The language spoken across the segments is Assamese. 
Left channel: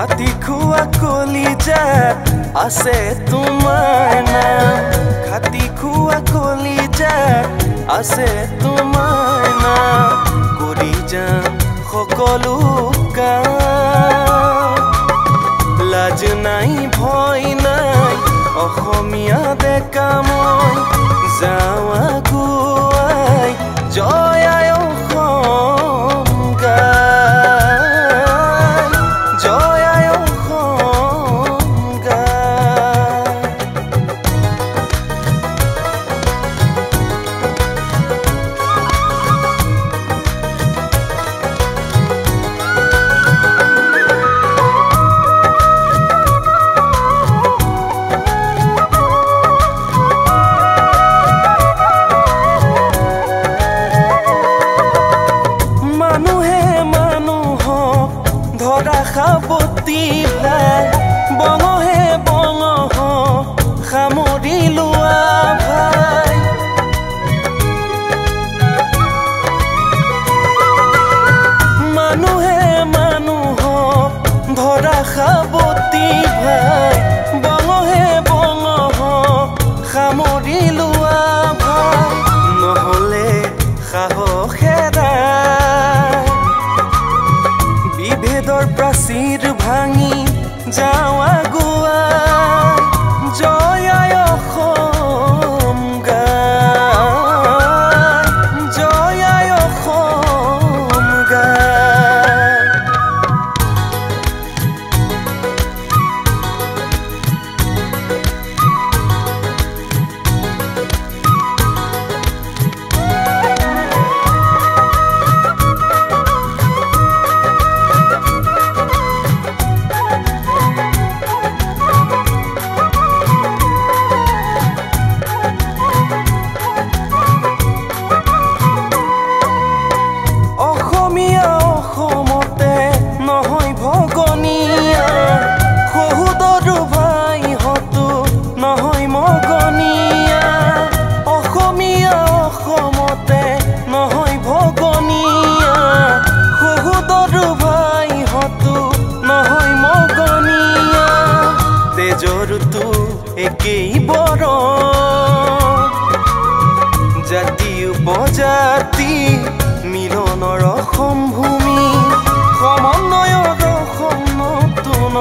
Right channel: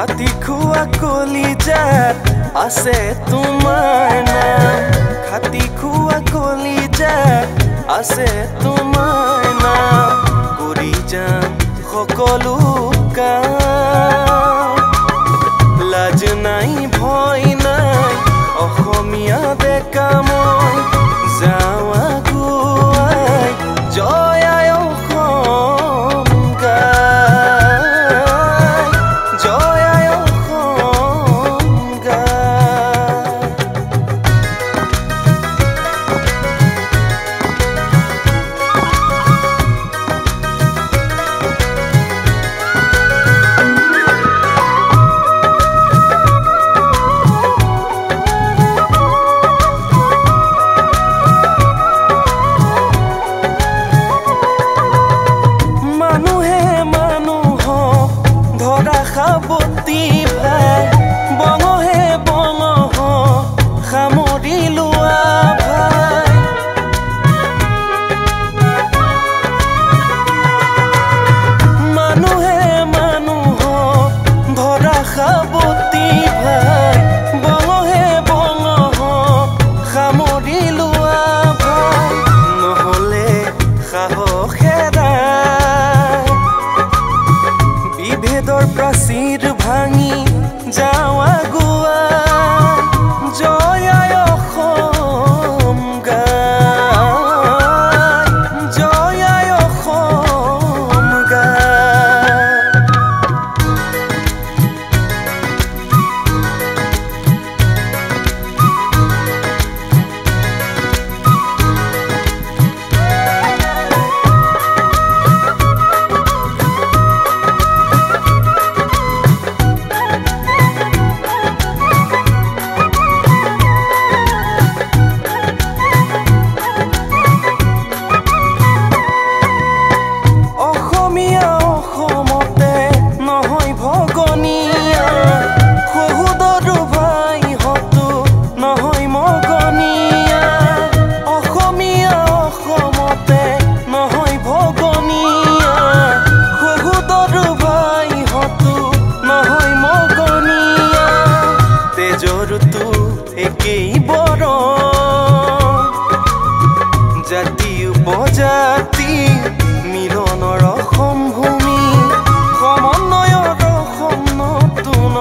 খাটি খুয়া কলিজাত আছে তোমাৰ নাম খাটি খুয়া কলিজাত আছে তোমাৰ নাম কৰি যাম সকলো কাম লাজ নাই ভয় নাই অসমীয়া ডেকা মই যাওঁ আগুৱাই জয় আই অসম গাই জয় আই অসম গাই মানুহে মানুহক ধৰা সাৱতি ভাই বঙহে বঙহ সামৰি লোৱা ভাই মানুহে মানুহক ধৰা সাৱতি ভাই বঙহে বঙহ সামৰি লোৱা ভাই নহ'লে সাহসেৰে বিভেদৰ প্ৰাচীৰ ভাঙি যাওঁ আগুৱাই জয় আই অসম গাই জয় আই অসম গাই অসমতে নহয় ভগনীয়া সহুদৰো ভাই হতো নহয় মগনীয়া অসমীয়া অসমতে নহয় ভগনীয়া সহুদৰো ভাই হতো নহয় মগনীয়া তেজৰতো একেই বৰ জাতি উপজাতি মিলনৰ অসম ভূমি সমন্বয়ৰ অসম নতুন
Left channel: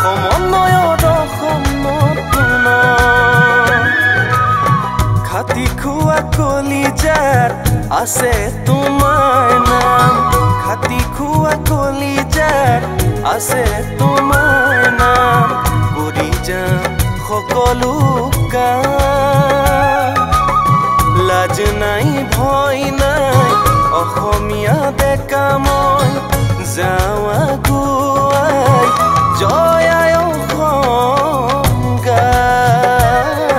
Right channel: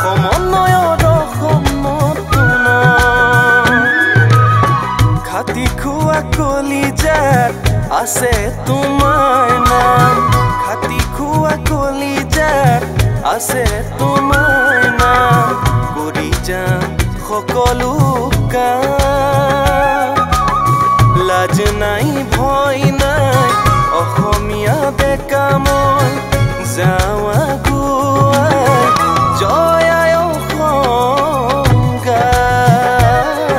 সমন্বয়ৰ অসম নতুন খাটি খুয়া কলিজাত আছে তোমাৰ নাম খাটি খুয়া কলিজাত আছে তোমাৰ নাম কৰি যাম সকলো কাম লাজ নাই ভয় নাই অসমীয়া ডেকা মই যাওঁ আগুৱাই জয় আই অসম গাই